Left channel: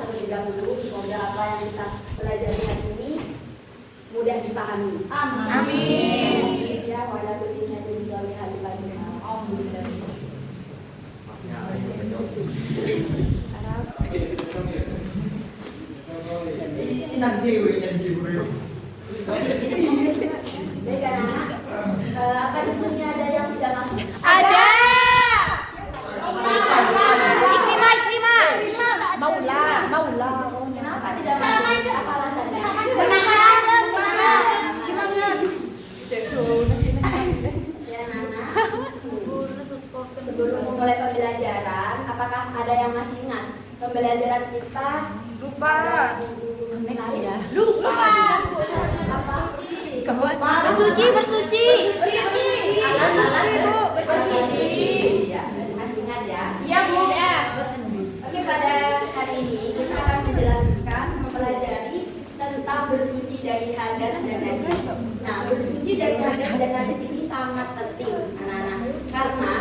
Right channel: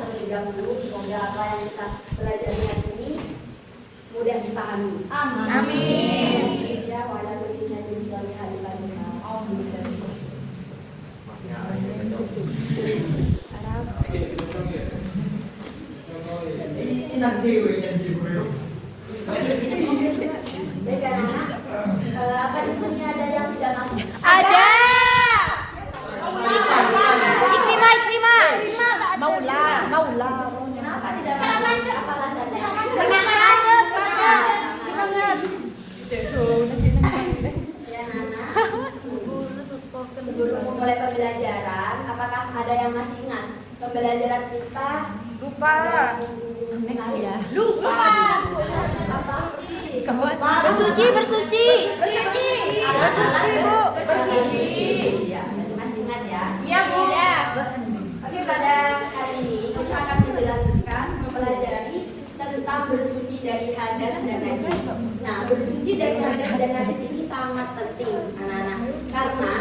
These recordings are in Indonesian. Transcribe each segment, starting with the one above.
terlebih dahulu. Semoga apa yang kita pelajari hari ini mudah dipahami. Amin. Ya, wala kullinya dari suami hari lagi. Baik anak-anak, apa di sini ada yang tidak masuk? Ada. Maula. Kenapa tidak masuk? Apa alasannya? Ya, Nana. Sebelum mulai pembelajaran, apakah ada yang masih ingat pembelajaran kita? Lupa. Bersuci. Alat-alat bersuci. Ya, masih ingat ya? Iya, Bu. Oke, pada hari ini kita akan menjelaskan, mempelajari tentang bersuci dari hadas dan najis. Nah, bersuci dari hadas dan najis ini sangat penting, anak-anak, karena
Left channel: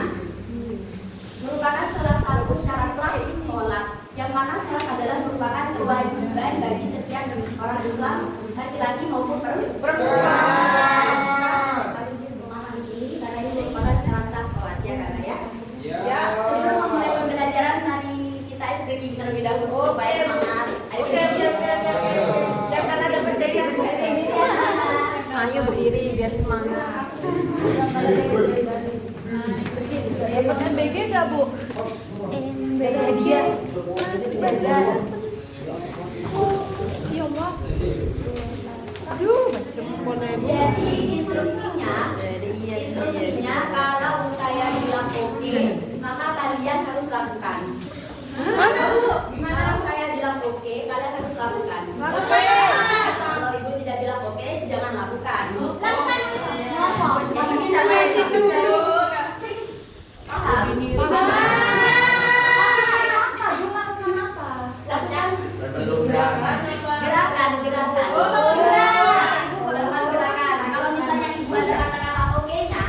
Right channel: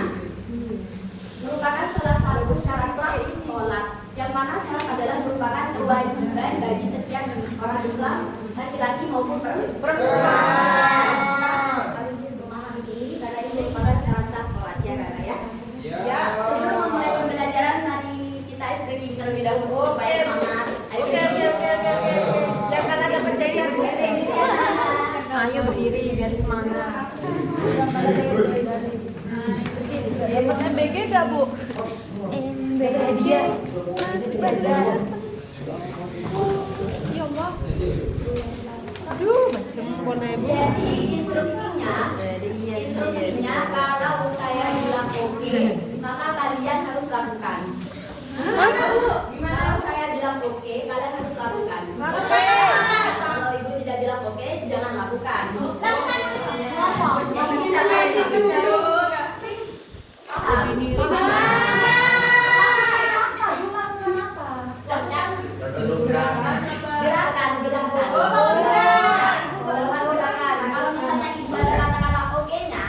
merupakan salah satu syarat sahih sholat. Yang mana sholat adalah merupakan kewajiban bagi setiap orang Islam, laki-laki maupun perempuan. Harus memahami ini karena ini merupakan syarat sholat, ya kakak ya. Sebelum memulai pembelajaran, mari kita SPG terlebih dahulu. Baik, semangat. Ayo Ayo berdiri biar semangat. Pakai BG gak, Bu? BG hadiah. Belajar. Ya Allah. Aduh, macam Bu. Jadi instruksinya kalau saya bilang oke, maka kalian harus lakukan. Kalau saya bilang oke, kalian harus lakukan. Kalau ibu tidak bilang oke, jangan lakukan. Gerakan. Kalau misalnya ibu ada kata-kata oke-nya,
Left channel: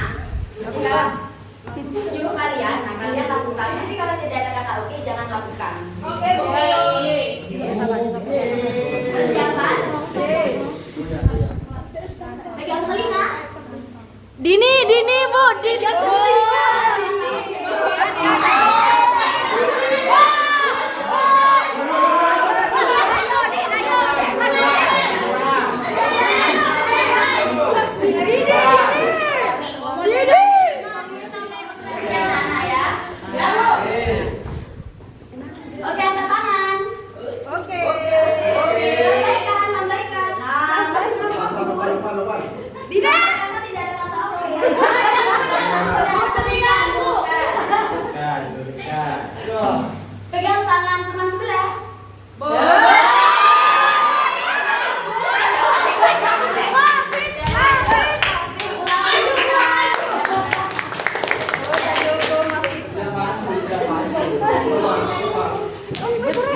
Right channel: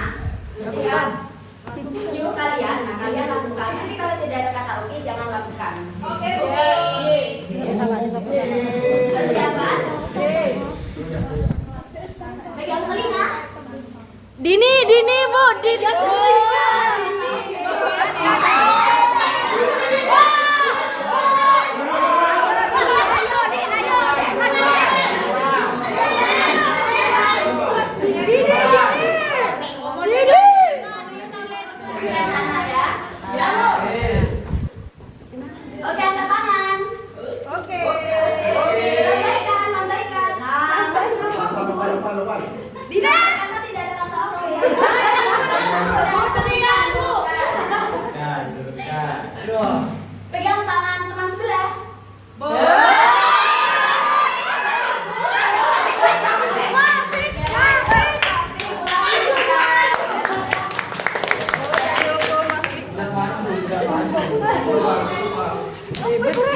nyuruh kalian, nah kalian lakukan. Tapi kalau tidak ada kata oke, jangan lakukan. Oke, Bu. Persiapan? Pegang telinga. Dini, Bu. Dini. Oke, angkat tangan. Oke. Lambaikan. Tidak ada kata oke. Pegang tangan teman sebelah.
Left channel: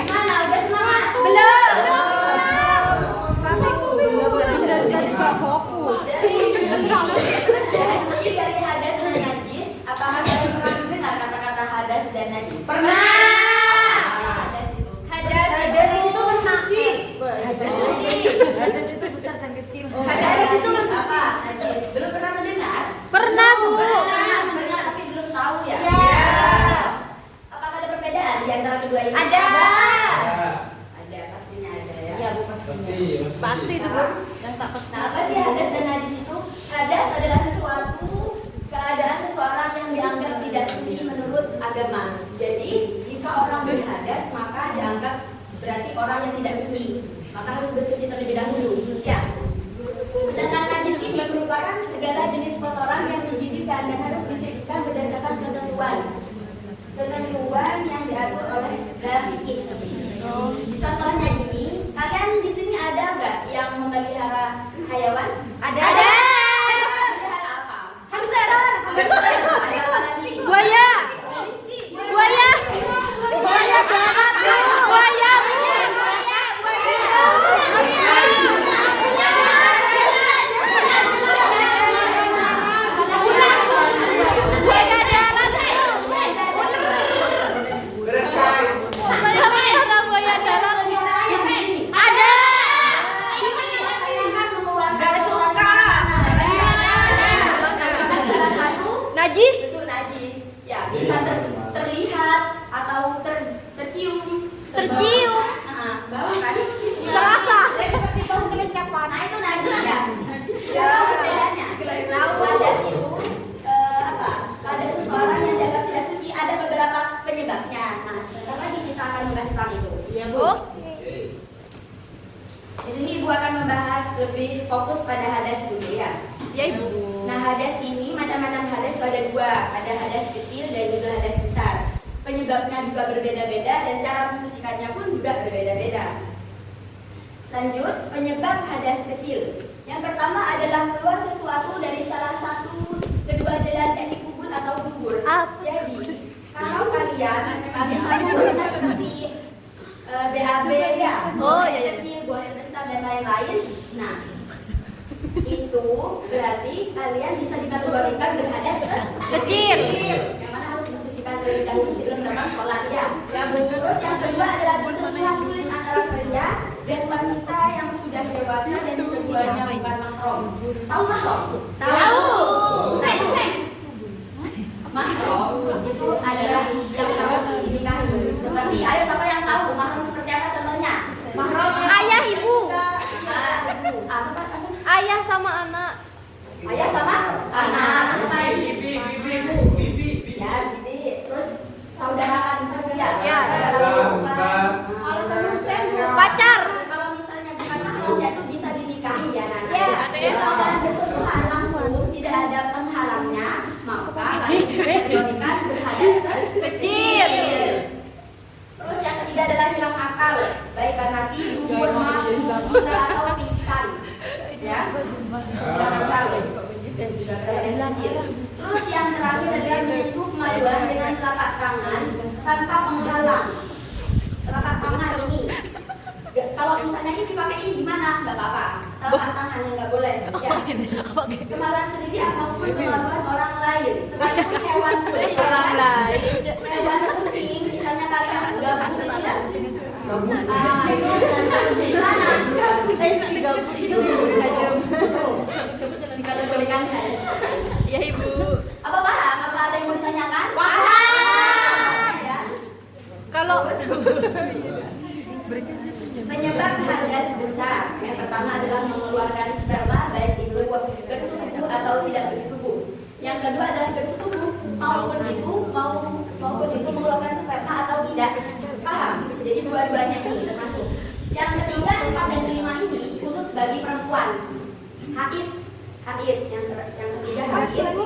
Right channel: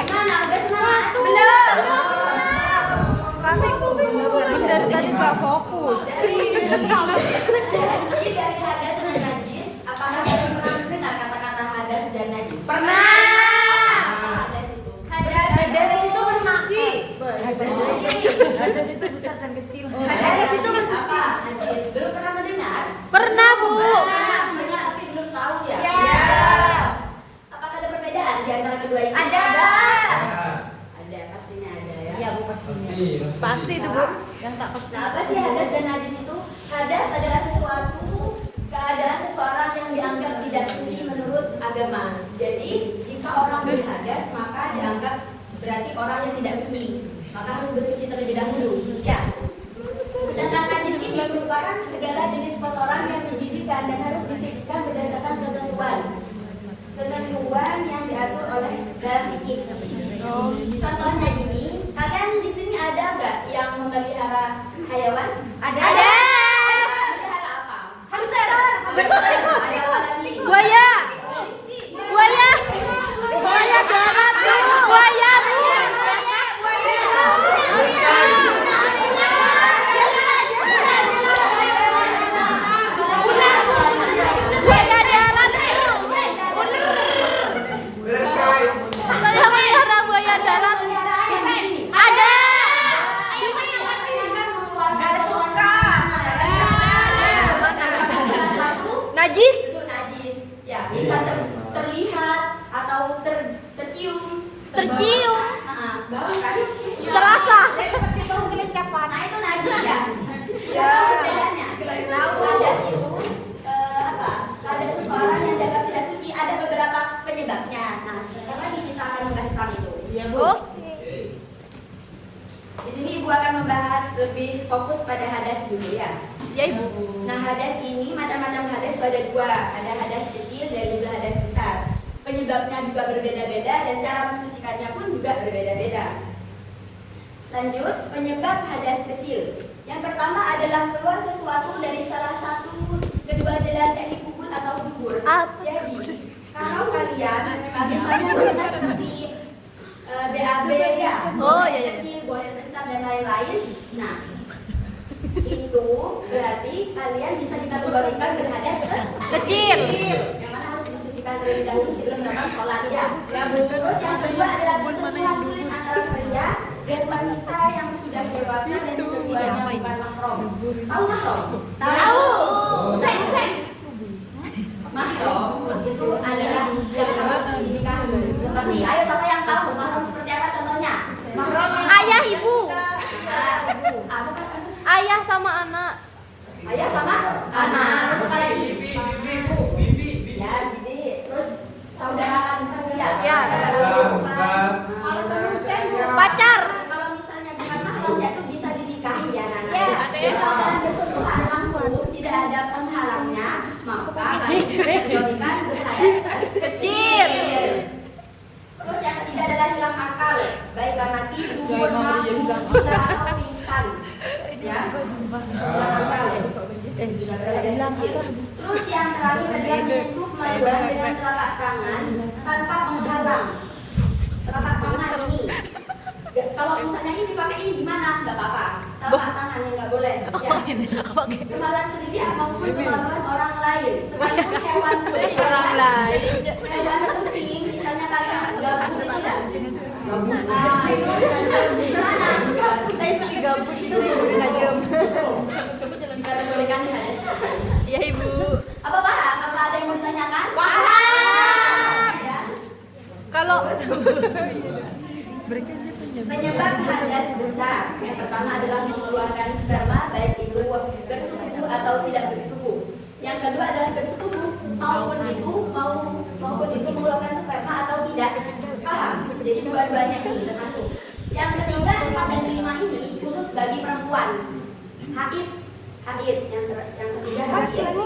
Gimana? Udah semangat? Belum. Bersuci dari hadas dan najis. Apakah kalian pernah dengar kata-kata hadas dan najis? Hadas itu bersuci. Hadas itu apa? Najis. Belum pernah mendengar? Pernah, Bu. Pernah mendengar tapi belum tahu ya? Apakah ada perbedaan di antara kedua ini? Ada, pastinya ada ya. Iya, Bu, pastinya. Pasti itu, Bu. Yang tak pasti. Nah, apa sih hadas dan najis itu? Hadas adalah sesuatu keadaan seseorang yang dianggap tidak suci menurut agama. Jadi, jika orang berhadas, maka dianggap berarti orang yang tidak suci. Maka harus bersuci terlebih dahulu. Ya. Sedangkan najis ini merupakan segala jenis kotoran yang menjijikkan dan harus disucikan berdasarkan ketentuan yang diatur oleh dalam fikih. Contohnya ini, kalian di sini ada nggak yang memelihara hayawan? Ada. Memelihara apa? Hamster. Buaya. Bau kan? Terasa. Nah itu najis ya. Berapa perbedaannya? Tahu hadas itu apa? Ada seseorang yang dianggap tidak suci, ada beberapa penyebabnya. Nah, sebentar lagi kita akan membahas tentang itu. Iya, Bu. Di sini Ibu akan membahas lebih fokus pada hadas dulu ya. Iya, Ibu. Nah, hadas ini macam-macam hadas itu ada dua, ada hadas kecil dan juga hadas besar. Penyebabnya juga berbeda-beda dan cara mensucikannya pun juga berbeda-beda. Lanjut, penyebab hadas kecil. Yang pertama adalah keluar sesuatu dari salah satu kedua jalan dari kubur atau dubur. Jadi, kalau kalian habis pernah seperti BAB ya, boleh kecil, boleh besar dan lain-lain. Nah, itu berarti kalian bisa dikategorikan berhadas Kecil. yang mana harus disucikan terlebih dahulu sebelum datang sholat ya. Terus yang kedua adalah bersentuhan kulit antara pria dan wanita yang sudah dewasa dan keduanya bukan mahram. Tahu mahram? Tahu. Mahram itu adalah yang haram dinikahi. Seperti, ayo siapa yang tahu mahram seperti apa contohnya? Ayah, Ibu. Apa Pak? Ayah sama anak. Ayah sama anak. Terus apa lagi? Ya, bibi. Terus saudara kan ya. Ya. Pacar. Kalau misalnya bukan mahram ya itu bisa dinikahi ya Nana. Dan kalau dalam bersentuhan langsung tidak ada penghalangnya, maka dijadikan berhadas Kecil. Terus yang ketiga adalah hilang akal, baik karena tidur, mabuk, gila atau pingsan. Ya, hilang akal. Juga berhadas kecil. Terus yang terakhir adalah menyentuh kemaluan dengan telapak tangan tanpa menghalang. Telapak tangan ini. Kalau misalnya ini dipakai ini gimana? Nggak apa-apa. Telapak tangan yang nggak boleh. Ya. Kemaluan sendiri maupun kemaluan orang lain. Sekalipun hewan pun orang lain. Hewan kucing, misalnya kalian gabut ini kan? Nah, itu gimana? Dikategorikan hadas. Iya, Ibu. Apa paham? Apa ada yang mau ditanyakan? Paham. Ya. Kalau Penyebab hadas besar yang pertama adalah mengeluarkan sperma baik itu bersetubuh atau tidak bersetubuh. Yang kedua adalah bersetubuh maupun itu mengeluarkan sperma atau tidak. Paham? Jadi dua-duanya ini termasuk. Yang ketiga, 4 dan 5 ini khusus bagi perempuan. Haid. Yang ketiga haid. Itu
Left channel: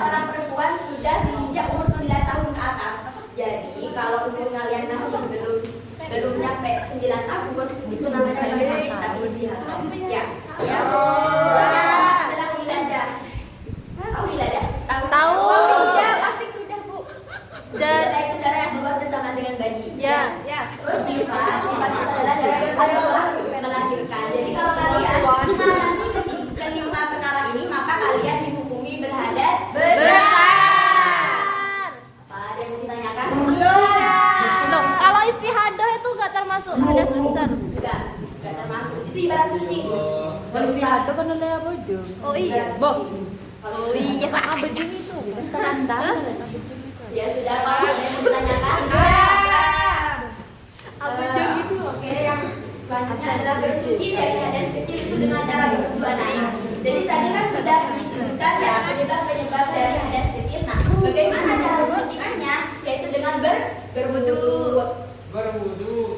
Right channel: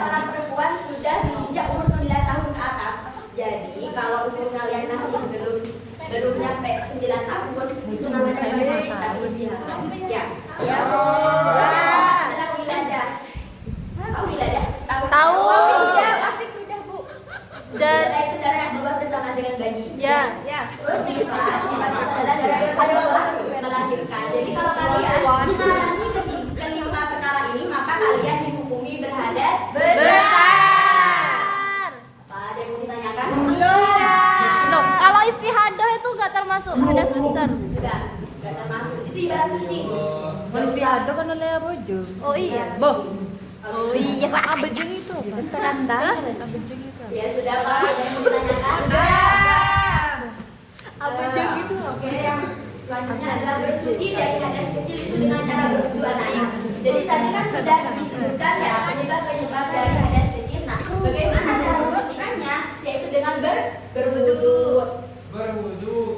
seorang perempuan sudah menginjak umur 9 tahun ke atas. Jadi kalau umur kalian masih belum nyampe 9 tahun itu namanya haid tapi istirahat. Ya. Adalah wiladah. Tahu wiladah? tahu. Sudah Bu. Dan Wiladah itu darah yang keluar bersama dengan bayi. ya. Terus nifas itu adalah darah yang setelah melahirkan. Jadi kalau kalian mengalami kelima perkara ini maka kalian dihukumi berhadas besar. Ada yang mau ditanyakan? Loh, kalau istihadah itu nggak termasuk hadas besar. Enggak termasuk. Itu ibarat suci. Enggak usah. Ada kan oleh bojo. Oh iya. Oh iya, Pak. Abejeng itu tanda. Ya sudah Pak, ada yang mau ditanyakan? Abejeng itu. Oke, yang selanjutnya adalah bersuci dari hadas kecil itu dengan cara berwudu anak. Jadi tadi kan sudah disebutkan ya penyebab dari hadas kecil. Nah, bagaimana cara mensucikannya? Yaitu dengan berwudu.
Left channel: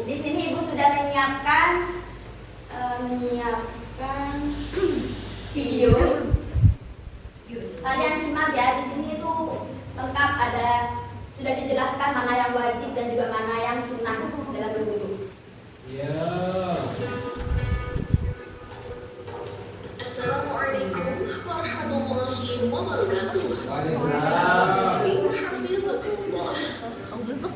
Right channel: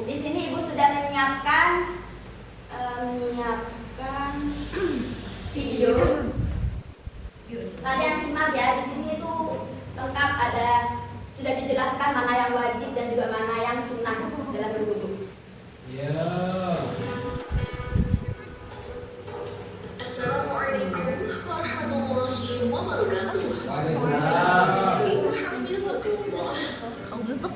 Di sini Ibu sudah menyiapkan video. Kalian simak ya, di sini itu lengkap ada sudah dijelaskan mana yang wajib dan juga mana yang sunnah dalam berwudu. Assalamualaikum warahmatullahi wabarakatuh. Muslim hafizakumullah.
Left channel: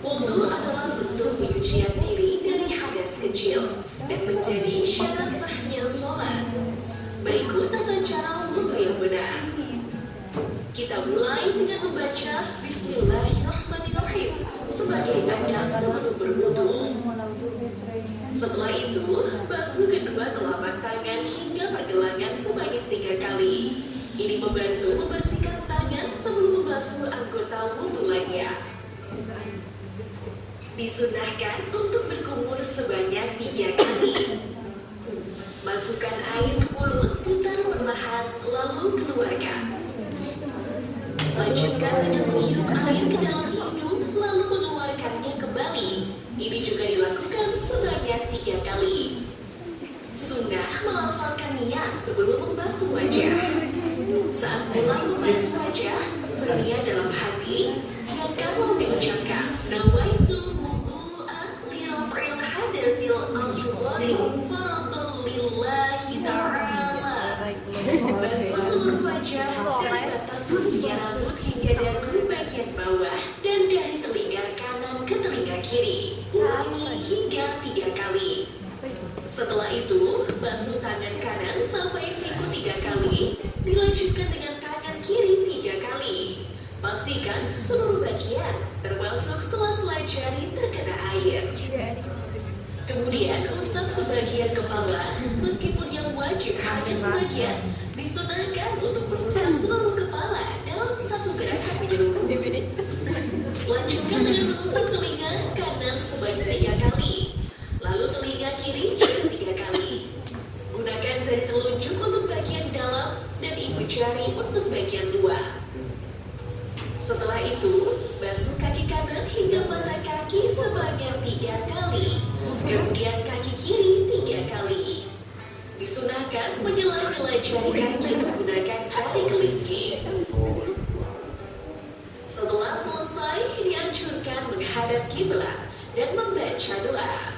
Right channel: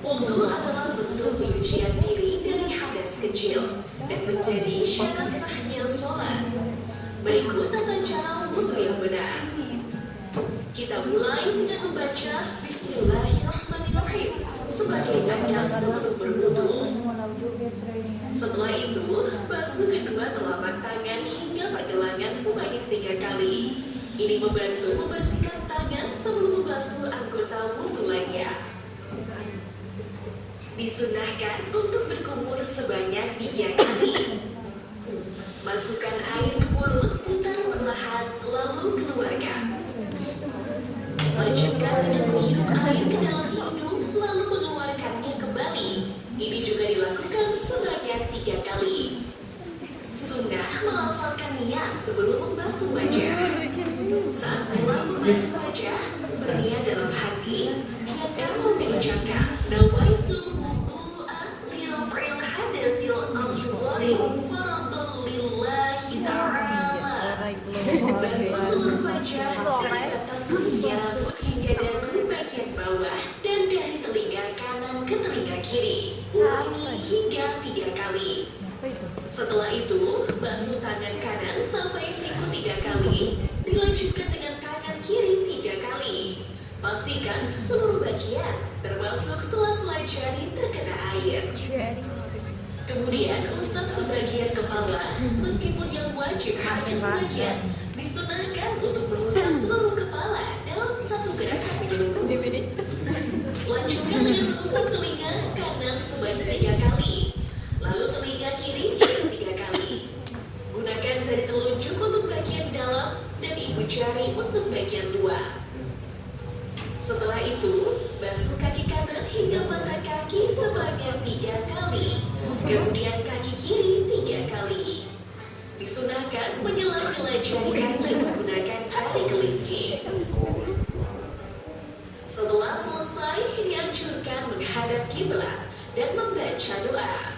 Wudu adalah bentuk penyucian diri dari hadas kecil dan menjadi syarat sahnya sholat. Berikut tata cara wudu yang benar. Kita mulai dengan membaca Bismillahirrahmanirrahim sebagai adab sebelum berwudu. Setelah itu, basuh kedua telapak tangan hingga pergelangan sebanyak 3 kali. Ini membantu membersihkan tangan sebelum membasuh anggota wudu lainnya. Disunahkan untuk berkumur sebanyak 3 kali. Masukkan air ke mulut, putar perlahan, lalu keluarkan. Lanjutkan dengan menghirup air ke dalam hidung, lalu mengeluarkannya kembali. Ini juga dilakukan sebanyak 3 kali. Sunnah melafalkan niat sebelum membasuh wajah. Saat mulai membasuh wajah, berniat dalam hati, yang kamu mengucapkan nawaitu wudu'a li raf'il hadatsil asghari faradhan lillahi ta'ala. Basuh seluruh wajah dari atas hingga rambut hingga dagu bagian bawah dan dari telinga kanan ke telinga kiri. Ulangi hingga 3 kali. Setelah itu, basuh tangan kanan sampai siku 3 kali, dilanjutkan dengan tangan kiri 3 kali. Pastikan seluruh bagian, termasuk sela-sela jari terkena air. Kemudian, usap sebagian kepala, meskipun yang wajib hanya sebagian, disunahkan untuk mengusap seluruh kepala dalam satu gerakan menyeluruh. Lanjutkan dengan mengusap telinga kanan sebanyak 3 kali. Lalu telinga kiri juga 3 kali. Gunakan jari telunjuk untuk bagian dalam dan ibu jari untuk bagian luar. Setelah itu, basuh kaki kanan hingga mata kaki sebanyak 3 kali. Kemudian kaki kiri 3 kali. Disunahkan menyela-nyela jari kaki menggunakan jari kelingking. Setelah selesai, dianjurkan menghadap kiblat dan membaca doa.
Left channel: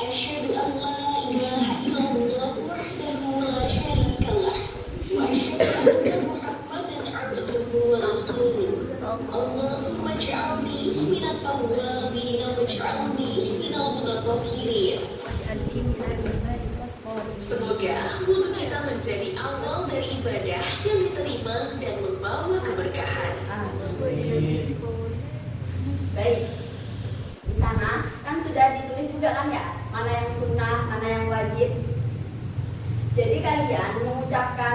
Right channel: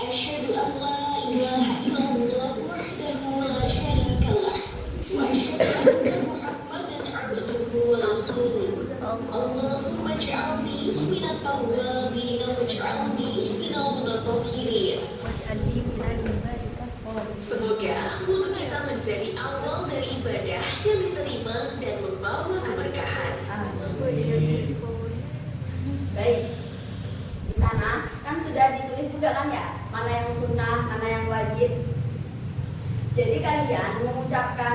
Asyhadu an la ilaha illallah wahdahu la syarika lah wa asyhadu anna Muhammadan abduhu wa rasuluh. Allahumma ij'alni minat tawwabin waj'alni minal mutatahhirin. Semoga wudhu kita menjadi awal dari ibadah yang diterima dan membawa keberkahan. Baik, di sana kan sudah ditulis juga kan ya, mana yang sunnah, mana yang wajib. Jadi kalian mengucapkan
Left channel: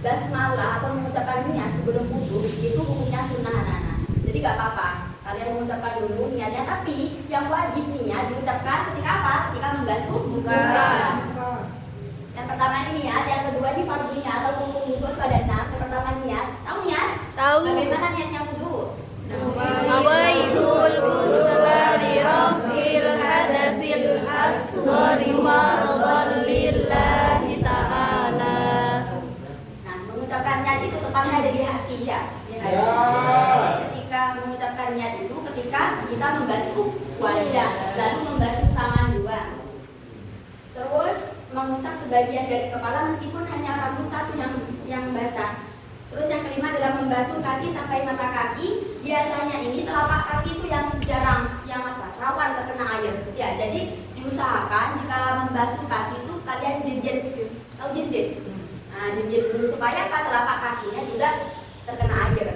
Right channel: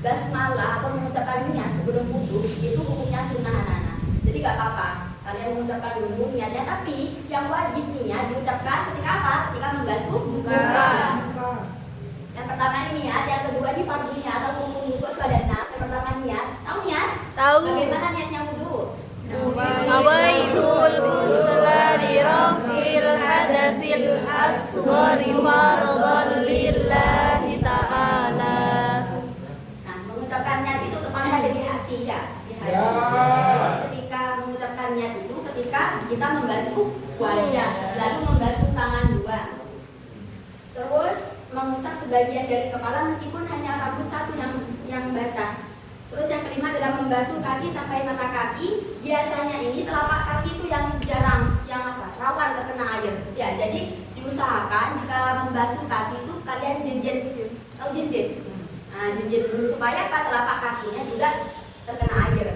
basmalah atau mengucapkan niat sebelum wudhu itu hukumnya sunnah anak-anak. Jadi gak apa-apa, kalian mengucapkan dulu niatnya, tapi yang wajib niat diucapkan ketika apa? Ketika membasuh wajah. Yang pertama ini niat, yang kedua ini fardunya atau hukum wudhu itu ada 6. Yang pertama niat, tahu niat? Tahu. Bagaimana niatnya wudhu? Nawaitul ghusla li raf'il hadatsil asghari faradhan lillahi ta'ala. Nah, mengucapkan niat itu tepatnya ada di hati ya, di hati. Terus ketika mengucapkan niat itu ketika kita membasuh wajah, lalu membasuh tangan dua. Terus mengusap sebagian dari kepala meskipun hanya rambut satu yang basah. Terus yang kelima adalah membasuh kaki sampai mata kaki. Biasanya ini telapak kaki itu yang jarang, rawan terkena air. Ya, jadi diusahakan jika membasuh kaki itu kalian jinjit, tahu jinjit? Nah, jinjit dulu supaya telapak kakinya juga terkena air.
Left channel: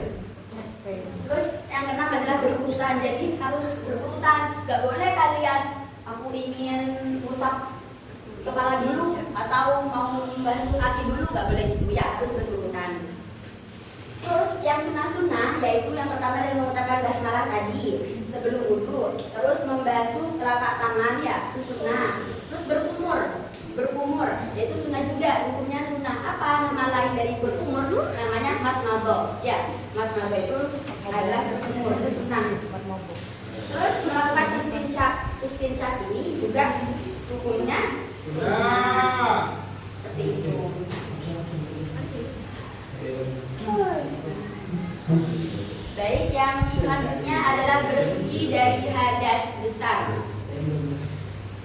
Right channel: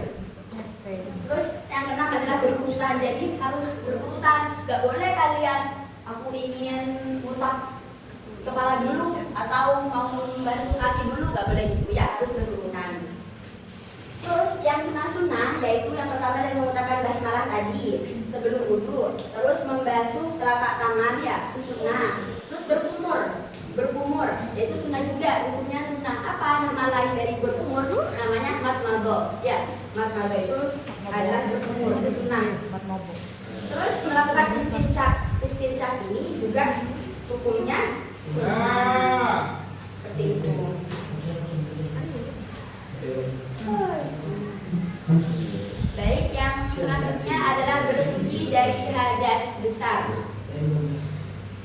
Terus yang keenam adalah berurutan, jadi harus berurutan. Gak boleh kalian, aku ingin usap kepala dulu atau mau membasuh kaki dulu, gak boleh gitu ya, harus berurutan. Terus yang sunnah-sunnah yaitu yang pertama adalah mengucapkan basmalah tadi sebelum wudhu. Terus membasuh telapak tangan ya, itu sunnah. Terus berkumur, yaitu sunnah juga, hukumnya sunnah. Apa nama lain dari berkumur? Namanya matmadho. Ya, matmadho itu adalah berkumur, itu sunnah. Terus melakukan istinsyaq ini juga hukumnya sunnah. Seperti itu. Baik, yang selanjutnya adalah bersuci dari hadas besar.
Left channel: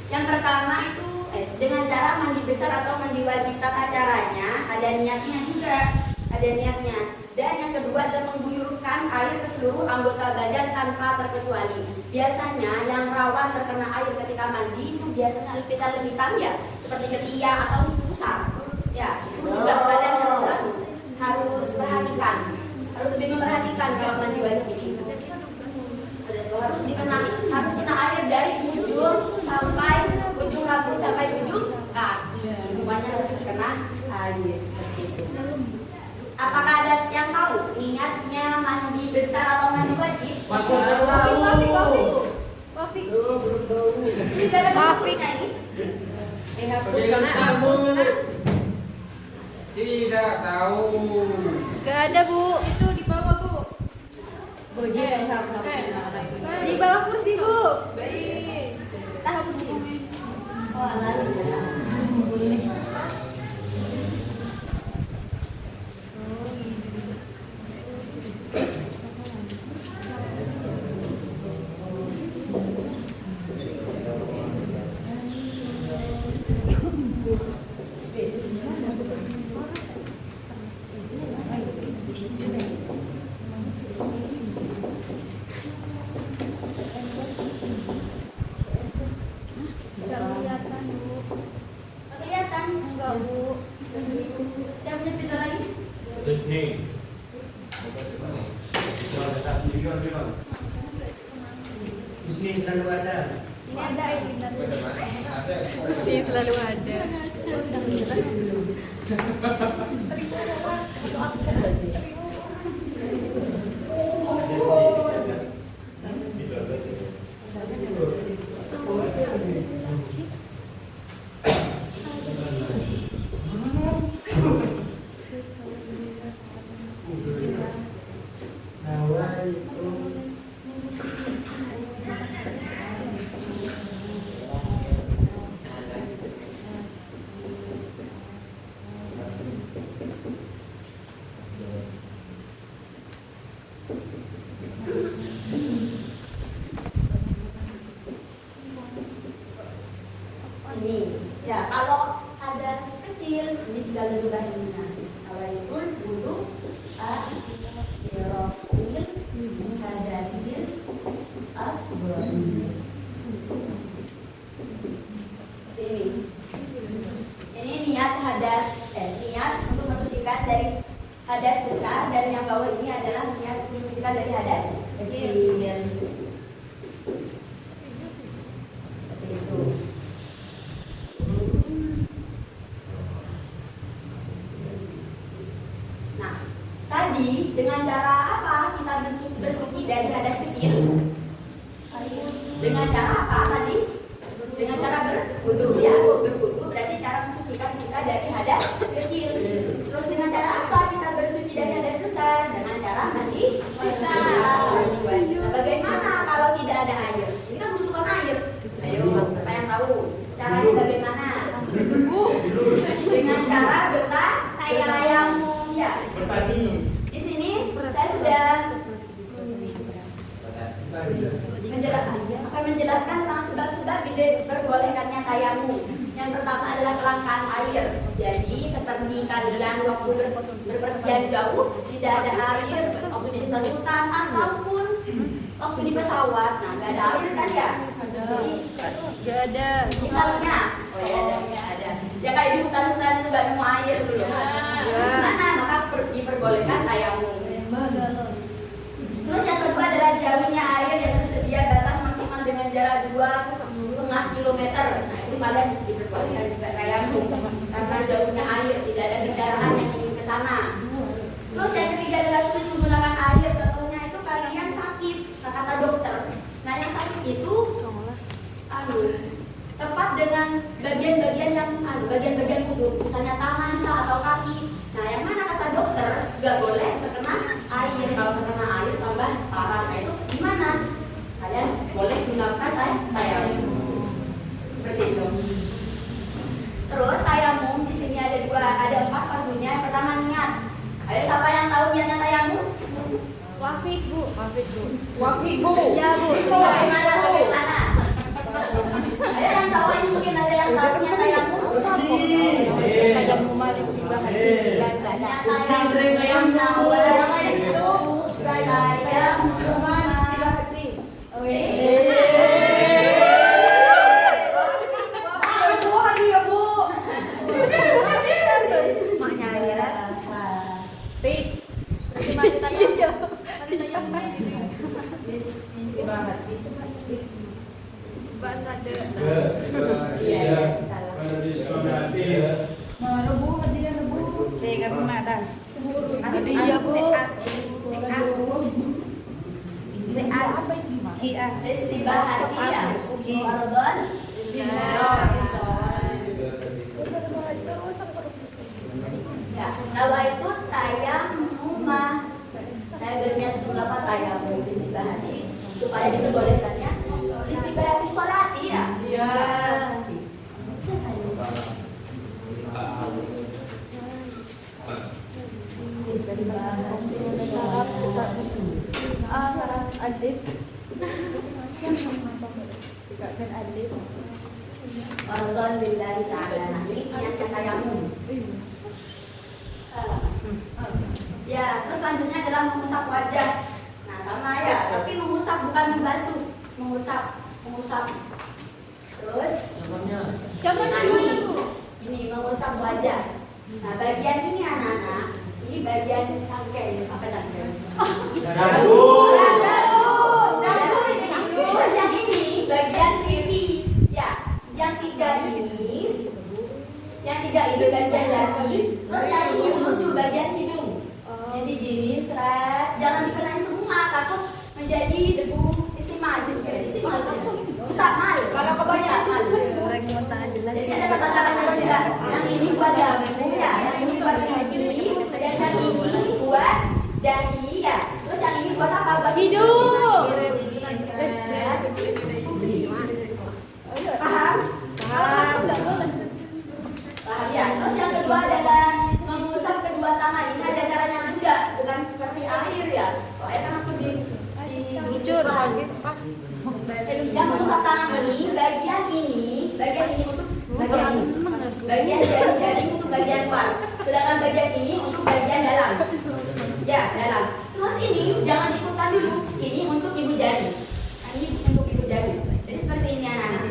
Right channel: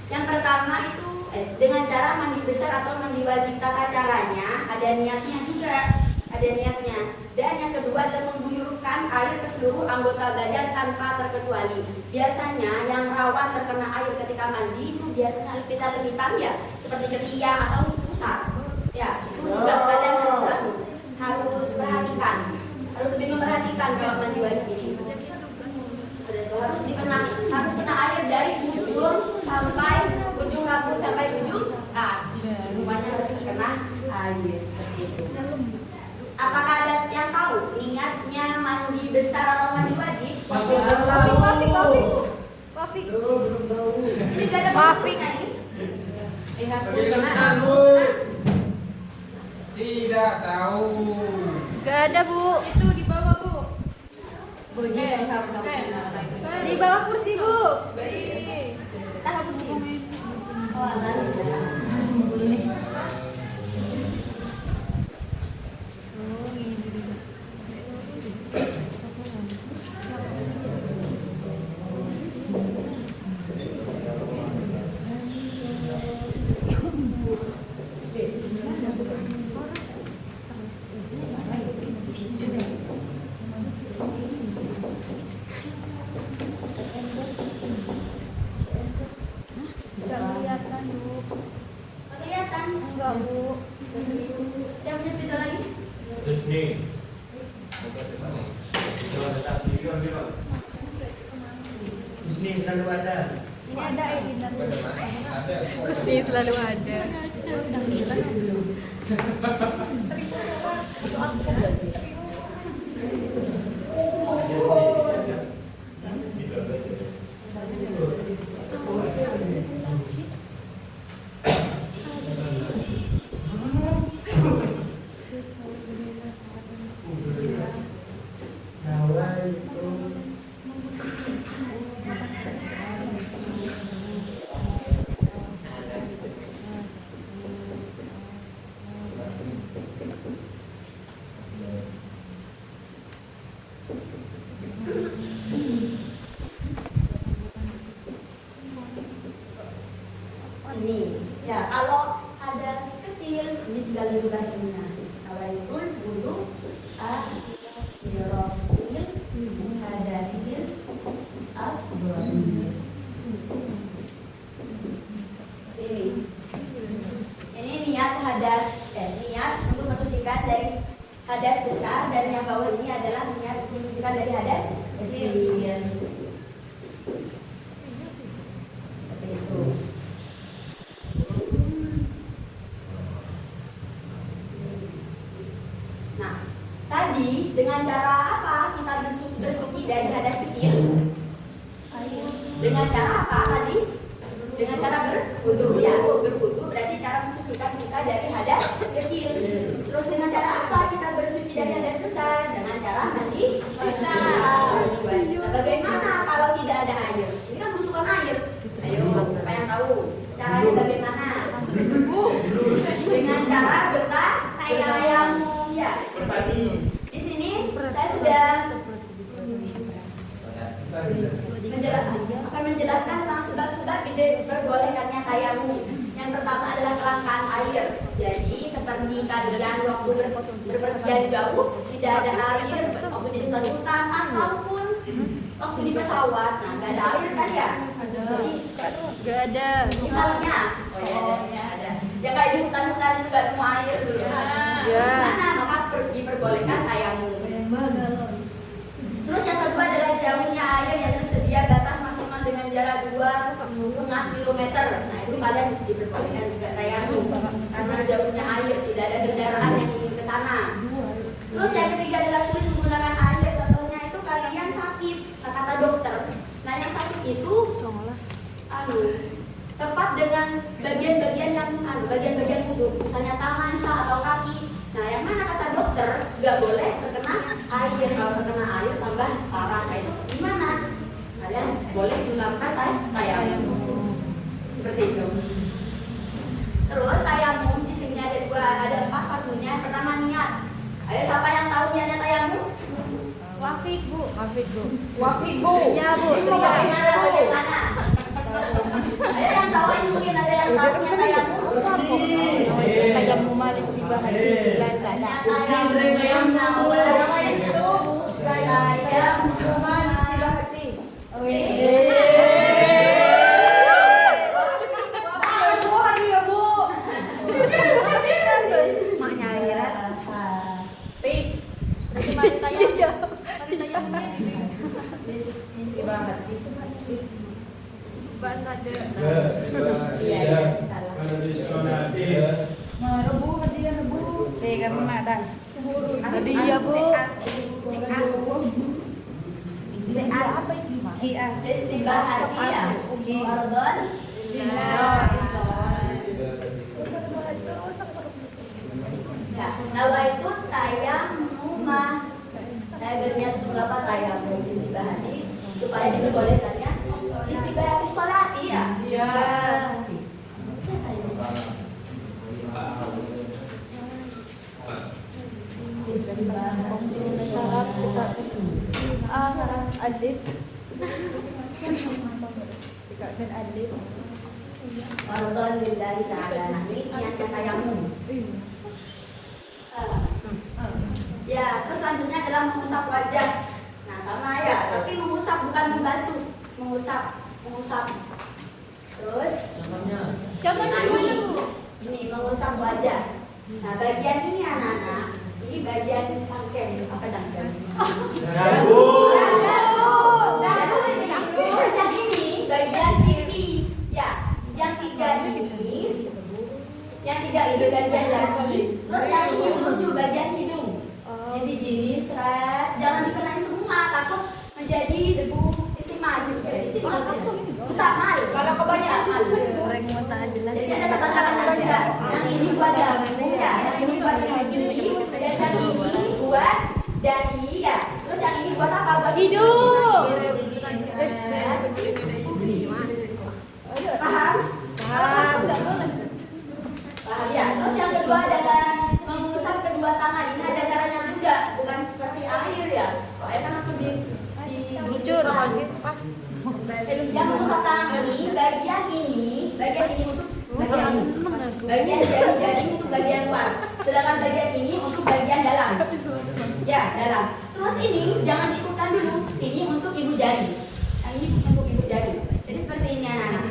Yang pertama itu dengan cara mandi besar atau mandi wajib, tata caranya ada niatnya juga, ada niatnya. Dan yang kedua adalah mengguyurkan air ke seluruh anggota badan tanpa terkecuali. Biasanya yang rawan terkena air ketika mandi itu biasanya lebitan ya, seperti ketiak atau pusat. Ya, itu juga badan harus perhatikan, harus lebih memperhatikan kalau mandi wajib ini. Harus kena air dari ujung sampai ujung rambut sampai ujung kaki, semuanya harus terkena air seperti itu. Apakah ada yang tahu niatnya mandi besar atau mandi wajib? Wafik. Ini gak ada hapusnya ini. Hapus karena. Tidak tahu. Gak ada, Bu. Itu di bawah, Bu. Bojir yang hapus karena itu. Di bawah kursi, Bu. Kita hapus ini. Oh, alah. Kelihatan enggak, Bu? Yang punya speaker lagi? Resmi. Resmi selalu ada. Ini ada ini. Gusti selalu ada. Ini ya, kalau ada kecil ini tinggal dirubah ininya. Awaitun dulu yorofil hadafil asdor. Ini niat niat untuk mensucikan dari hadas besar, dan yang bawah ini adalah niat untuk mensucikan dari hadas kecil. Seperti itu. Nah, tadi dengan cara apa kita bersuci dari hadas kecil? Dengan cara apa tadi? Dengan cara berwudu, ya. Berwudu berarti cara mensucikan kita dari hadas kecil. Terus dengan cara apa kita bersuci dari hadas besar? Dengan cara mandi wanita. Nah, bagaimana kalau tidak ada air? Ini kan membutuhkan air. Ayo, siapa yang tahu? Caranya bagaimana? Dengan cara bertayamum, ya. Di sini saya sudah akan menjelaskan tentang sebab-sebab diperbolehkannya tayamum. Yang pertama adalah kelangkaan air. Jadi seperti kalian waktu berpergian jauh tidak ada air, waktu di hutan ataupun waktu di pesawat, nah nggak ada air kan ya? Gak ada. Misalnya, oh ya ada. Ya kayak di hutan-hutan juga nemu air dulu. Mana maka diperbolehkan tayamum. Terus yang kedua adalah jauhnya air yang tersedia batas maksimal dengan jarak 2,5 kilometer. Nah itu kalian diperbolehkan juga tayamum karena jauhnya air, tidak ada kendaraan yang ingin ke sana. Terus yang ketiga adalah sulit menggunakan air. Contohnya itu kalian sakit, kata dokter. Nah yang sakit itu tepat dengan bagian-bagian yang bagian-bagian tubuh, misalnya tangan atau kaki. Nah yang mana kata dokter nggak boleh terkena air. Kalau terkena air tambah parah. Nah itu gimana? Kalian boleh melakukan tayamum seperti itu. Terus tayamum di sini ada 4 fardunya. Pertama niat. Ayo siapa yang tahu niatnya tayamum? Wafik, Bu. Wafik, Bu. Ya, Bu. Bagaimana? Ada yang tahu? Mungkin ada yang tahu niat tayamum? Tayamum majlis juga hati dan Saya kan mengadan. Iya, Bu. Istibahati ya. Fardhon. Ya, nawaitu tayammumah. Saya berniat untuk apa tayammum istibahati supaya diperbolehkannya istibahati sholati ya. Iya. Fardhon lillahi ta'ala. Nah, ini niatnya tayammum. Ya, terus selanjutnya adalah mengusap wajah. Nah, sama ya, tapi mengusap bukan membasuh, mengusap. Terus, ini mengusap wajah. Nah, bagian ini anak-anak, ini bagian rangkai, apa rangkai? Terus yang ini bagian pipi, ya, yang tiga ini bagian dahi, terus yang ini menuju bagian hidung. Jadi gini, seret, jangan dikenain semua, takut menjadi debu istimewa. Usap malu, kalau kebanyakan malu. Jadi ada tata-tatanya juga. Yang ini buat dagu ya, yang ini buat pipi, dan yang ini buat dahi ya. Terus yang ini buat apa? Buat hidung. Paham? Ya, terus yang kedua adalah mengusap kedua tangan. Ini ada caranya juga, bukan seperti air ya. Kalau air kan langsung dibucur. Yang mengusap tangan ini bagian untuk bagian jari-jari untuk bagian luar. Sedangkan bagian ini untuk bagian dalam. Ya, dalam. Terus ini jangan diikutkan dulu. Ini untuk ibu jari. Ini untuk ibu jari. Jadi seperti ini anak-anak.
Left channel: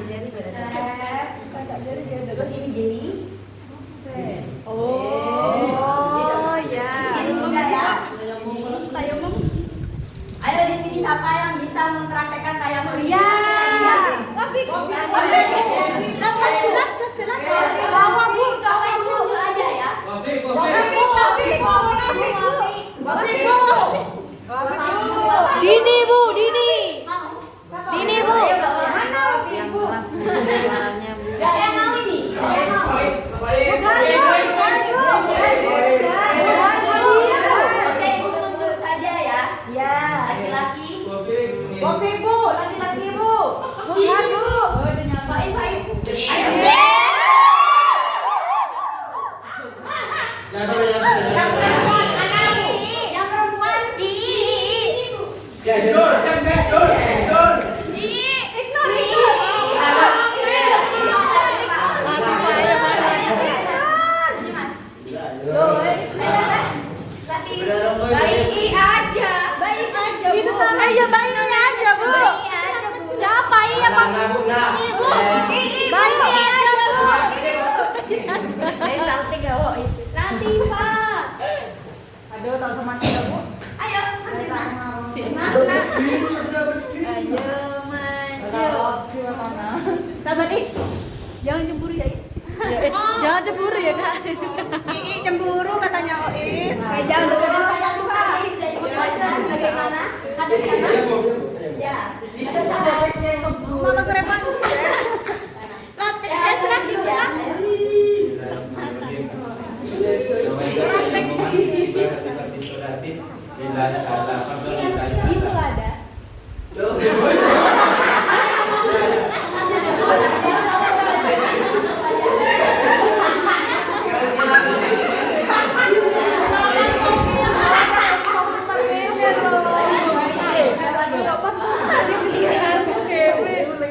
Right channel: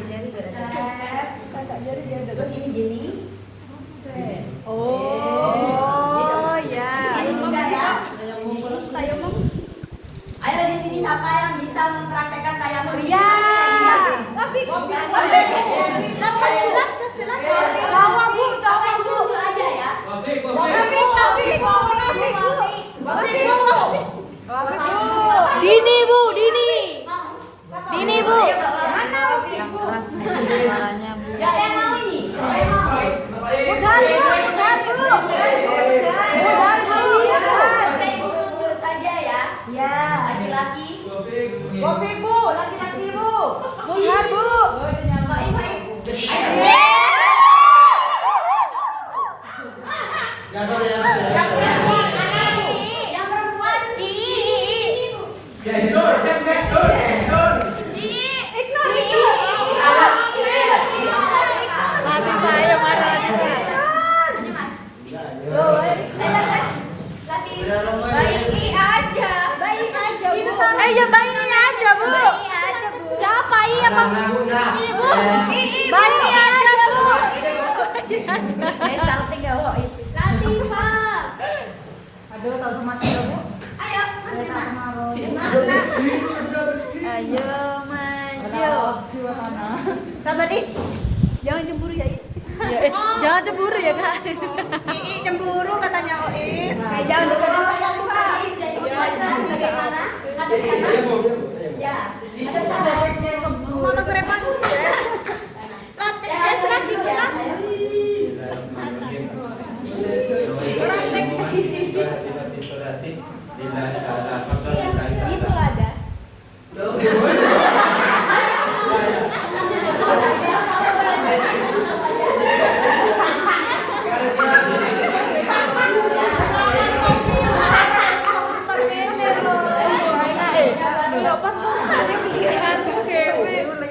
Terus ini gini. Oh, ya. Ini juga ya. Ayo di sini siapa yang bisa mempraktekkan tayammum? Iya. Silakan aja ya. Dini Bu. Gak yang mau ini. Oke, ibu tuntut saja ya. Ya. Laki-laki. Kopi Bu, laki-laki Bu. Ya Bu. Baik. Yang perempuan ini Bu. Ya, Nur. Baik aja Bu. Siapa iya Pak? Bayi aja Bu. Nanti Pak. Aduh, tahu sama kita Bu. Ayo, Sabar nih. Jangan cemburu ya. Jangan cemburu ya Kak. Cemburu katanya Oin. Jangan bagaimana? Ya, ada sama. mau kerepan.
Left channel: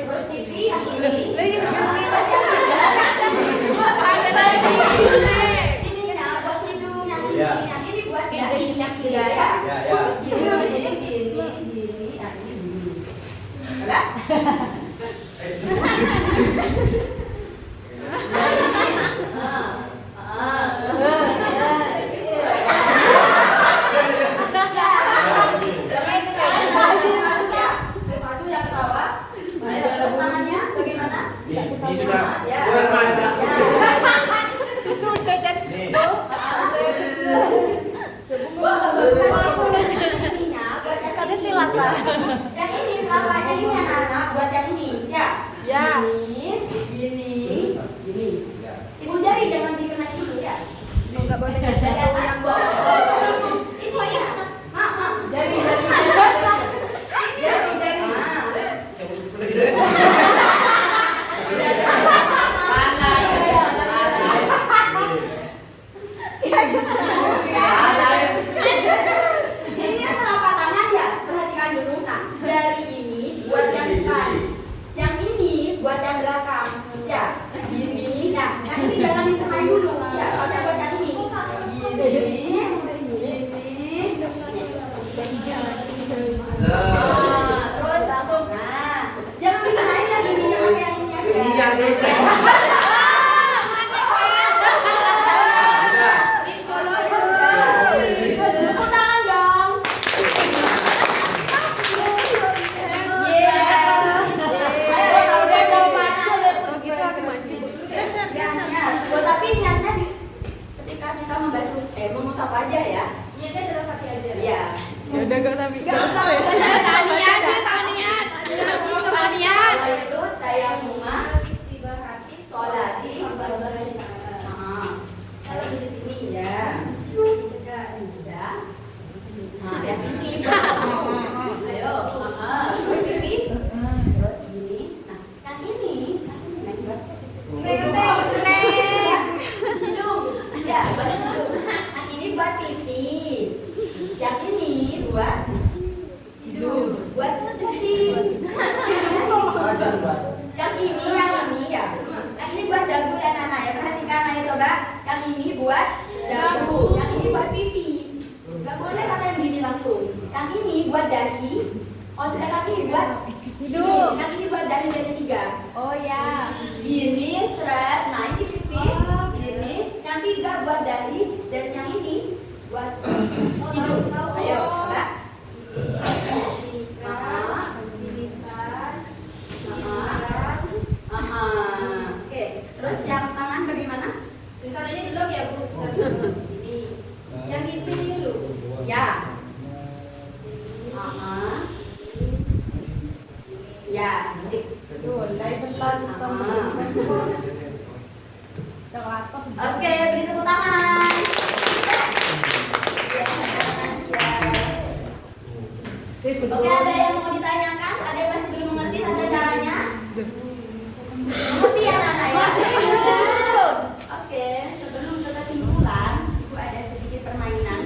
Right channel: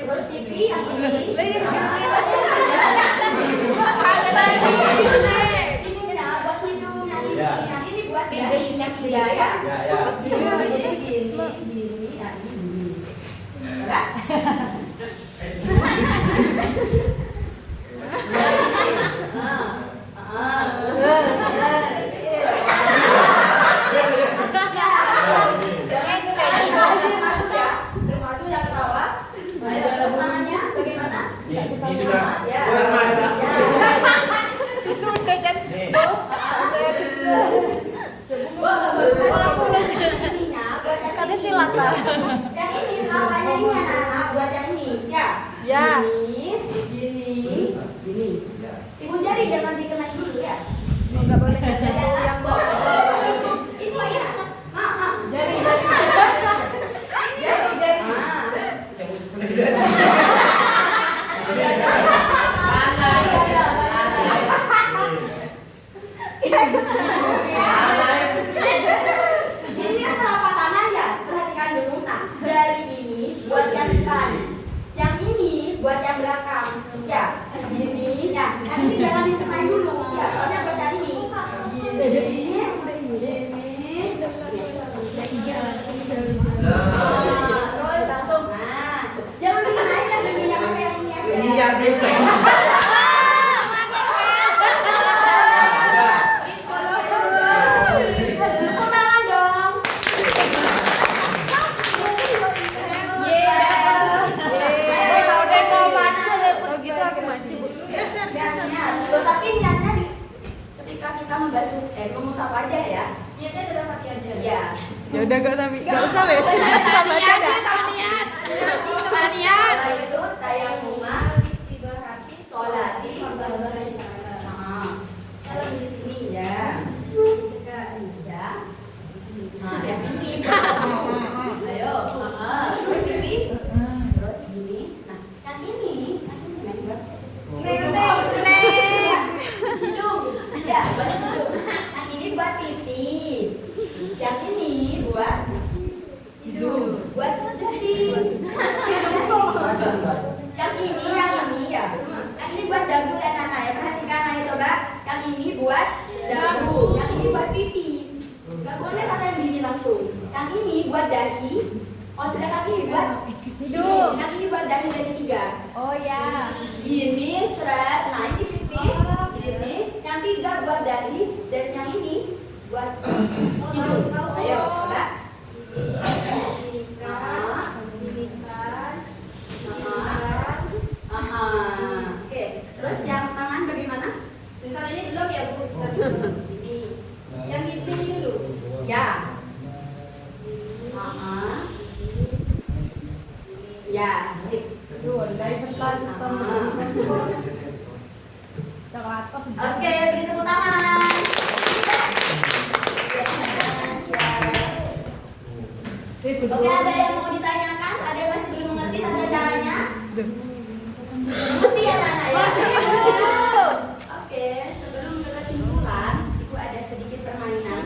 Terus TV yang ini. Ini ya, bos hidung yang ini. Yang ini buat yang tiga ya. Gini, yang ini. Enggak? Yang ini sih. Tepuk tangan dong. Tapi niatnya ketika kita membasuh rumus apa aja ya? Niatnya dalam hati aja. Iya. Ya udah gak usah wes. Tanian. Itu tayamuma, sholati, kalau di sini ya. Nah, yang ini. Ayo, terus gini. Terus gini. Nah, yang ini hidung. Ya, buat hidung. Yang ini buat pipi. Yang ini buat hidung. Buat pipi. Yang ini ya. Yang ini buat dagu ya Nana ya. Perhatikan ayo coba. Yang ini buat dagu. Yang ini buat pipi. Gak boleh pakai yang gini langsung. Yang ini buat dahi. Oh, sedangkan ini buat hidung. Yang ini buat dahi dan ketiga. Oh ya. Gini seret. Nah ini pipi. Gini. Yang tiga buat dahi dan yang ini buat hidung. Ayo coba. Oke. Terus yang tangan bagaimana? Misalnya ini belum ya Bu. Yang di sini dulu. Ya. Ya, sip. Oke, beri tepuk tangan. Oke, ada yang mau ditanyakan? Ada yang masih belum mengerti tata caranya? Mengerti ya Nana ya? Oke, sebelum ke kesimpulan, Ibu ada sedikit permainan.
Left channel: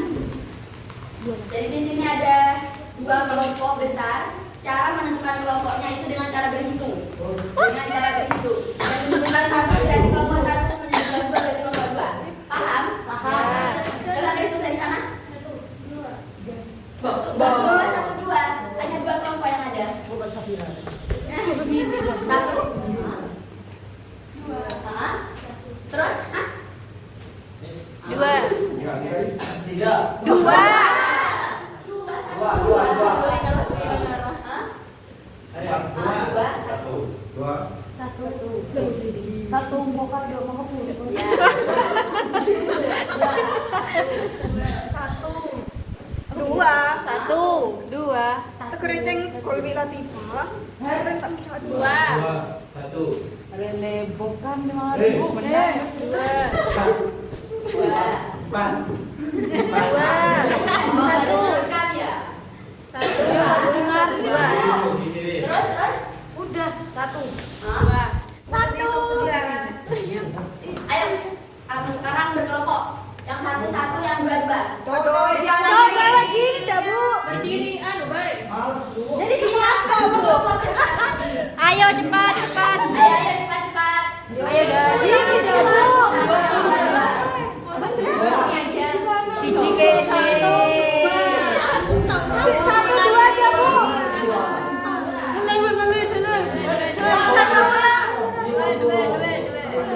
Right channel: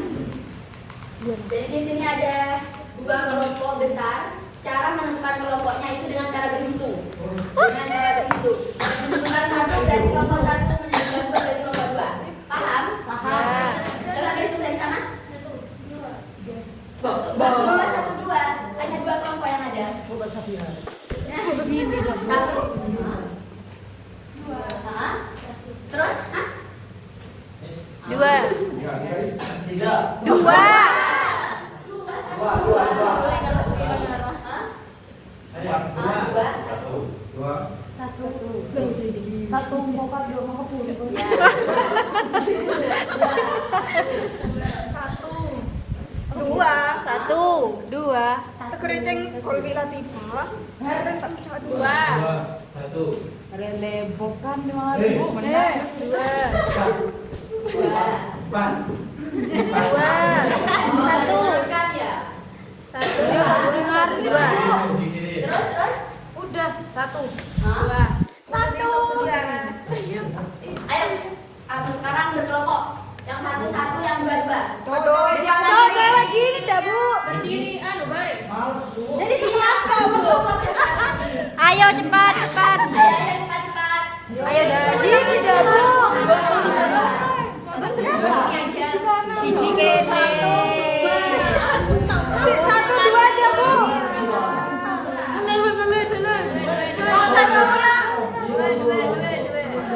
Jadi di sini ada dua kelompok besar. Cara menentukan kelompoknya itu dengan cara berhitung. Dengan cara berhitung. Dan menentukan satu dari kelompok satu menjadi dua dari kelompok dua. Paham? Paham. Coba berhitung dari sana. Satu dua. Hanya dua kelompok yang ada. Satu. Dua. Terus, Mas? Dua. Tiga. Dua. Satu bokap dua mau kulit. Satu. Dua. Kerenceng kolbila tiba. Dua. Satu. Kalian lebokan Eh. benar. Dua. Empat. Satu. Sekali ya. Dua. Terus. Udah satu. Hah? Satu. Ayo, sekarang berkelompok. Yang satu, yang dua. Aduh, jangan kayak gini dah Bu. Berdiri, baik. Jadi siapa Bu? Ayo cepat. Ayo, cepat. Ayo dah. Gini dah Bu. Sini aja. Siji. Satu.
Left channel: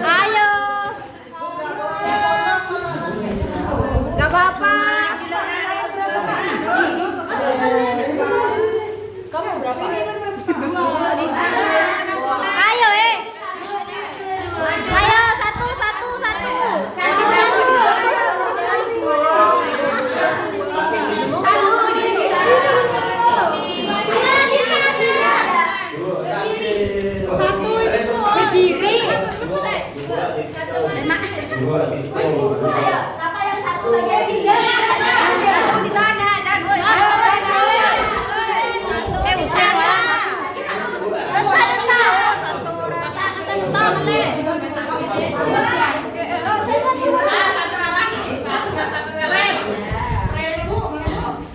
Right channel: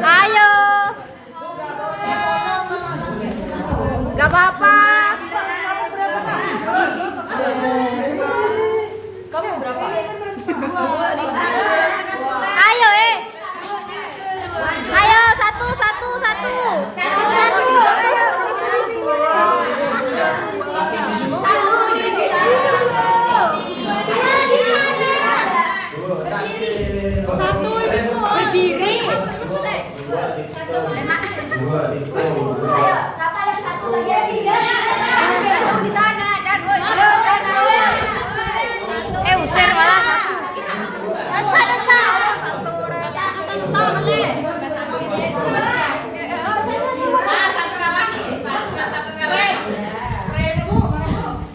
Ayo. Gak apa-apa. Kamu berapa? Ayo Ayo satu. Dua. Ayo, siapa yang satu lagi? Tiga. Kamu di sana, dan woi. Satu orang.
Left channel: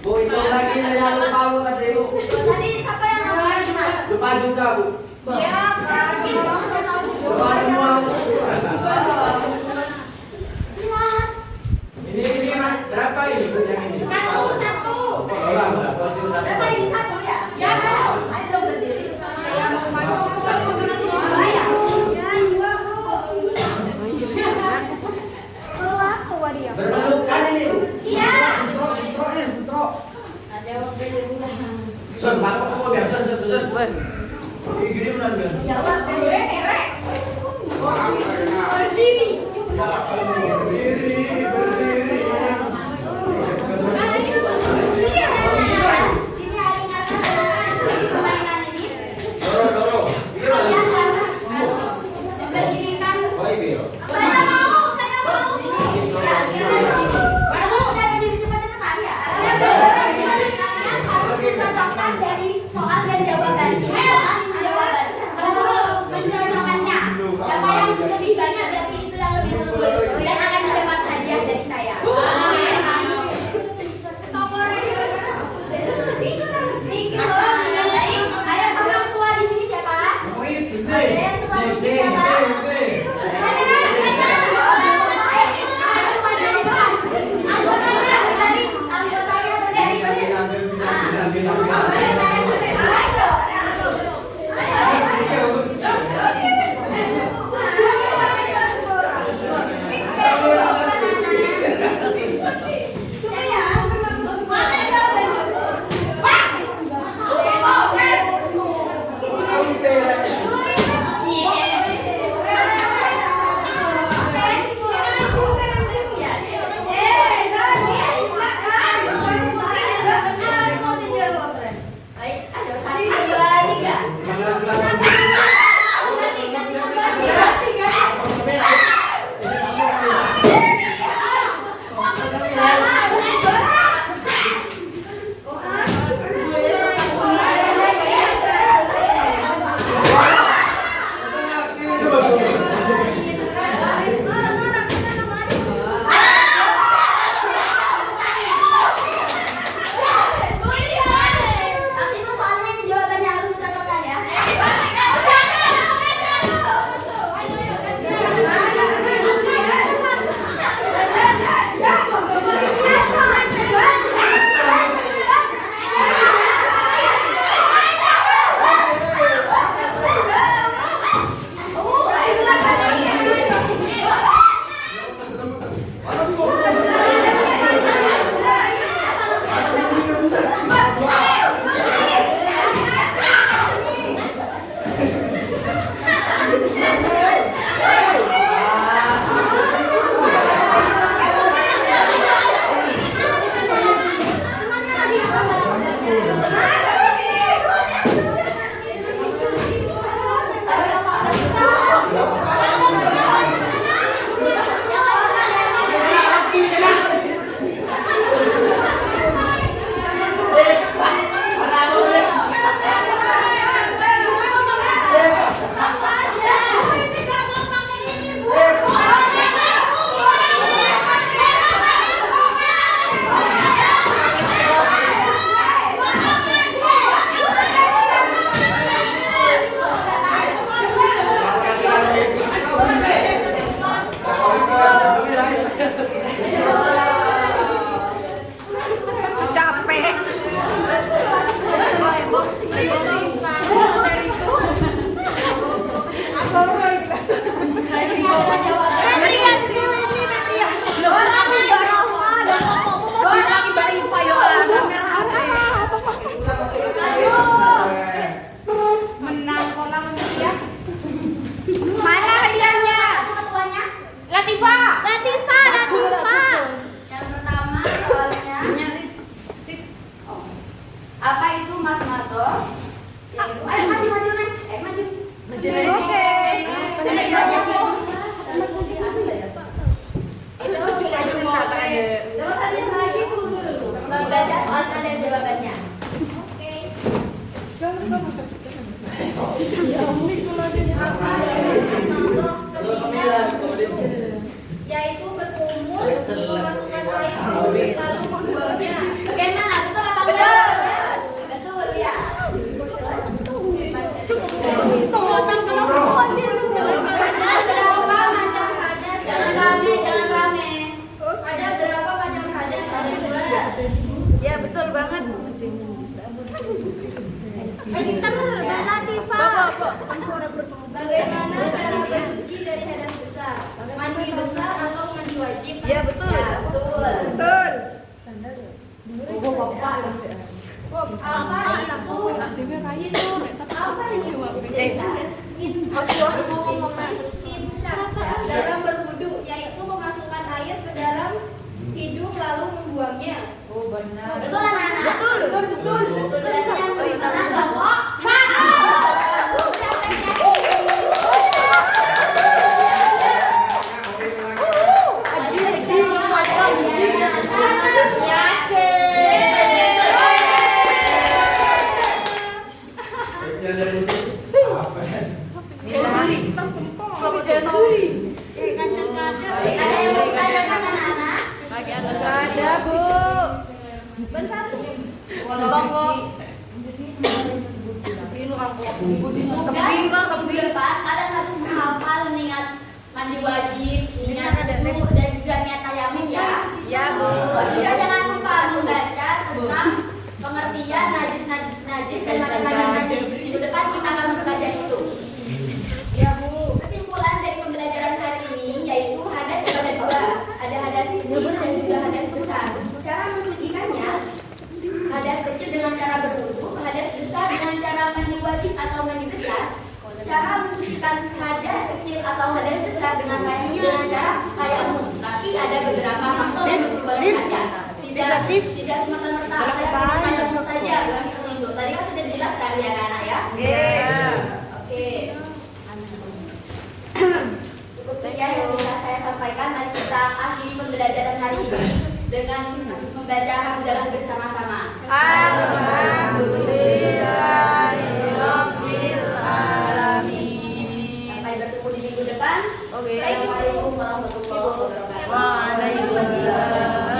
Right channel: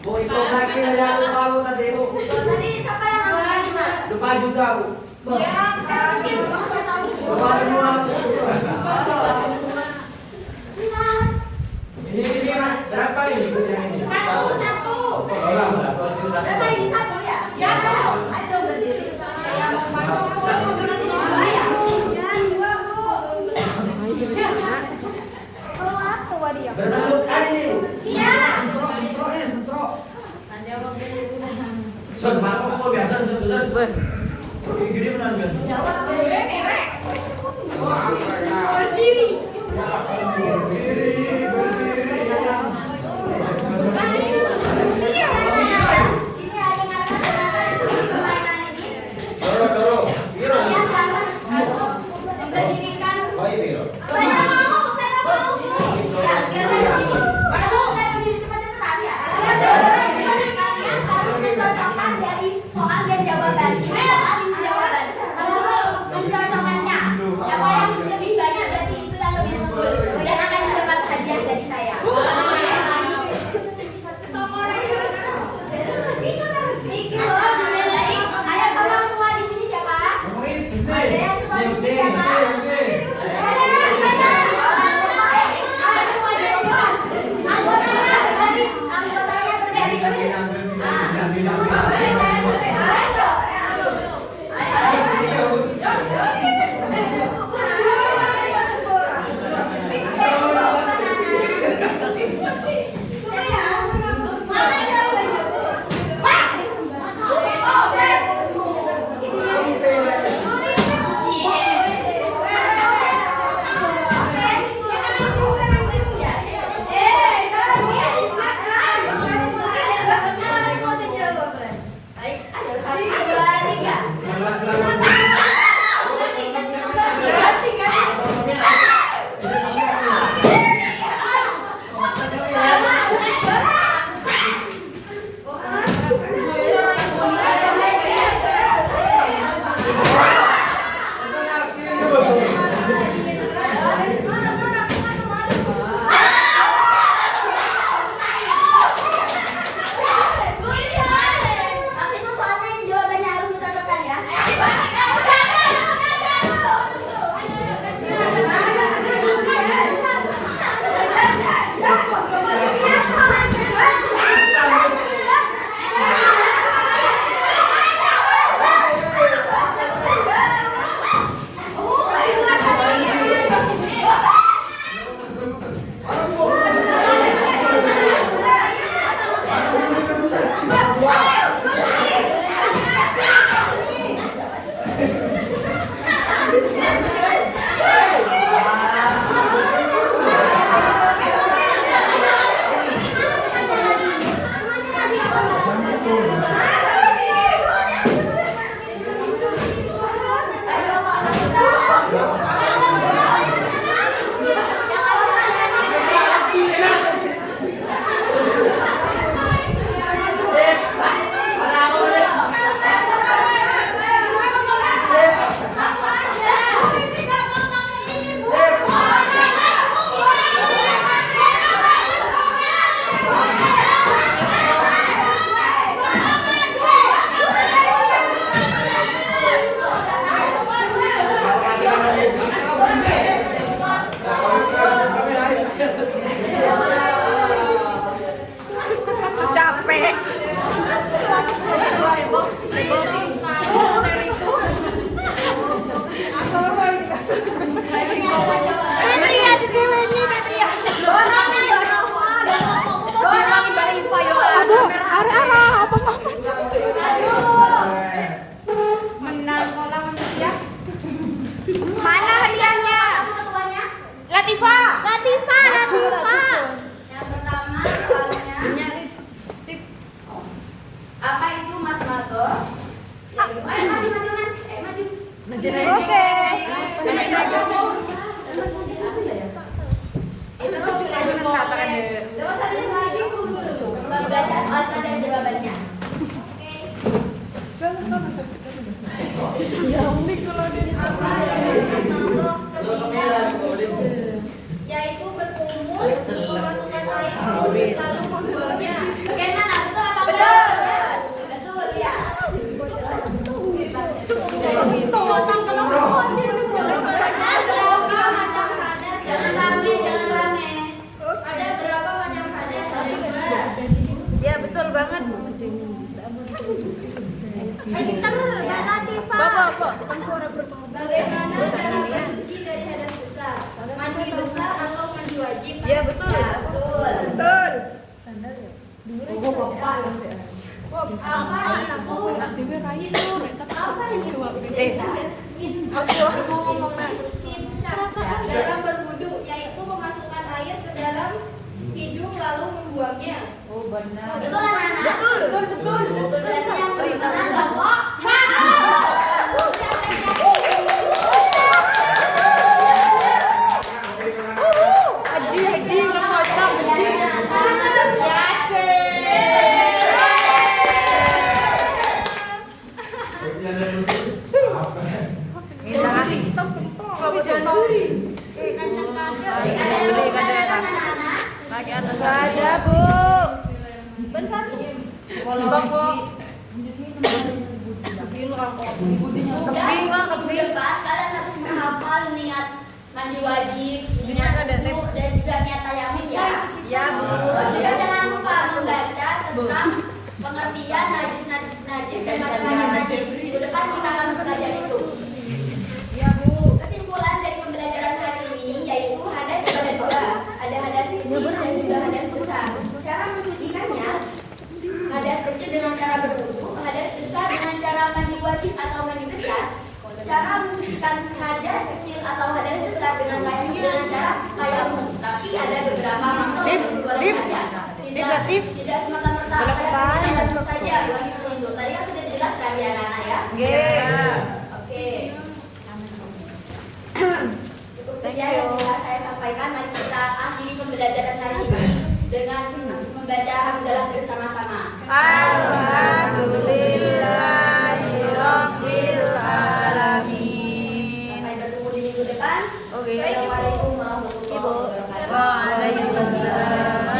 Bu, itu lagi yang tahu tadi Bu. Tadi siapa yang nomor 5? Depan juga Bu. Iya, Depan semua. Ini berapa ini Bu yang ini? Satu. Berapa ini satu ya? Ya dong. Ayo dong berdiri. Saya mau masuk. Gini menang. Jawab merek. Berdiri. Ini ada kata permainan ini. Doro. Kalian harus berdirikan. Saya mau. Ya, sekarang berdiri. Kamu sudah berdiri cepat-cepat ya. Kalian harus mencocokkan dari soal dan jawaban. Ini soal ini jawaban. Harus mencocokkannya. Siapa yang lebih banyak berarti itu yang lebih unggul dan akan mendapat hadiah dari saya. Ayo sama ketua di sini siapa? Ada yang ketua di sini siapa? Anggotanya berbaris. Mana hadiahnya? Ketuanya? Latifa. Yang pertama soalnya apa itu matematika? Yang kedua, maju. Baca soalnya dan jawabannya. Yaitu berkumur, memasukkan air lalu membuatnya. Bagaimana? Betul apa betul? Betul ya. Jangan rame. Ada berapa macam hadas? Ya betul banget. Bagaimana cara bersuci dari hadas besar? Mandi besar atau mandi wajib? Ya betul. Betul. Betul. Apa itu? Apa ini? Dalam berwudu, yaitu memasukkan air ke dalam hidung lalu membuangnya. Oh benar. Betul anak-anak? Betul. Berarti yang benar bahwa Ada Bu. Ben satu. Tolong Bu. Tugas minggu depan kalian harus menghafal niat mandi wajib, niat wudu dan juga niat tayamum ya. Ya Bu. Juga jangan lupa membaca tentang pengertian najis dan macam-macam najis. Minggu depan kita akan mempelajari itu. Ya Bu. Kesimpulan dari pembelajaran hari ini yaitu hadas ada dua, ada hadas kecil dan juga hadas besar. Cara mensucikannya, hadas kecil dengan cara berwudu, hadas besar dengan cara mandi wajib atau mandi besar. Cara mensucikan hadas kecil atau hadas besar dengan cara tayamum. Tapi ada beberapa faktor yang boleh saja. Tidak semata-mata saya pakai tayamum saja begitu. Tadi kan sudah dijelaskan ya anak ya. Oke. Cukup sekian yang bisa saya sampaikan. Mari kita akhiri pembelajaran hari ini dengan membaca hamdalah bersama-sama. Alhamdulillahirabbil alamin. Sampai bertemu di minggu depan. Oke. Assalamualaikum warahmatullahi wabarakatuh. Waalaikumsalam.